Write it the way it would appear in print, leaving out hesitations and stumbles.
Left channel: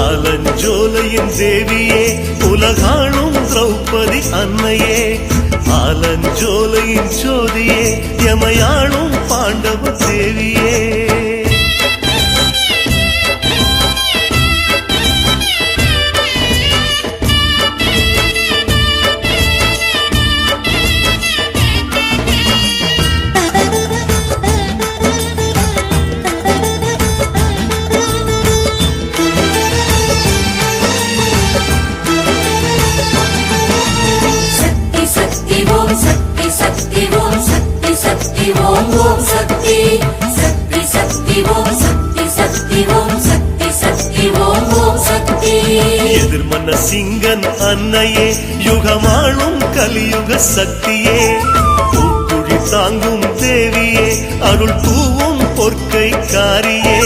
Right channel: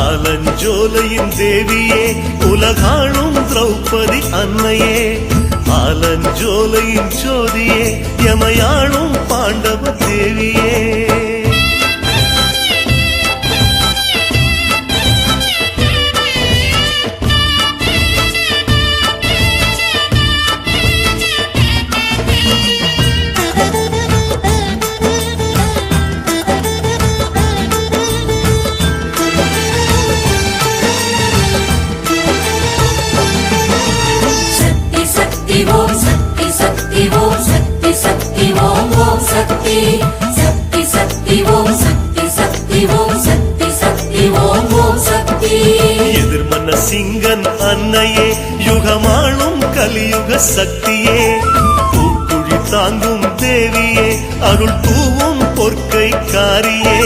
ஆலஞ்சோலையின் தேவியே உலகாளும் திரௌபதி அன்னையே ஆலஞ்சோலையின் ஜோதியே யமையாளும் பாண்டவ தேவியே எதிர்மன்ன சிங்கன் அன்னையே யுகமாளும் கலியுக சக்தியே பூக்குழி தாங்கும் தேவியே அருள் தூவும் பொற்கை காரியே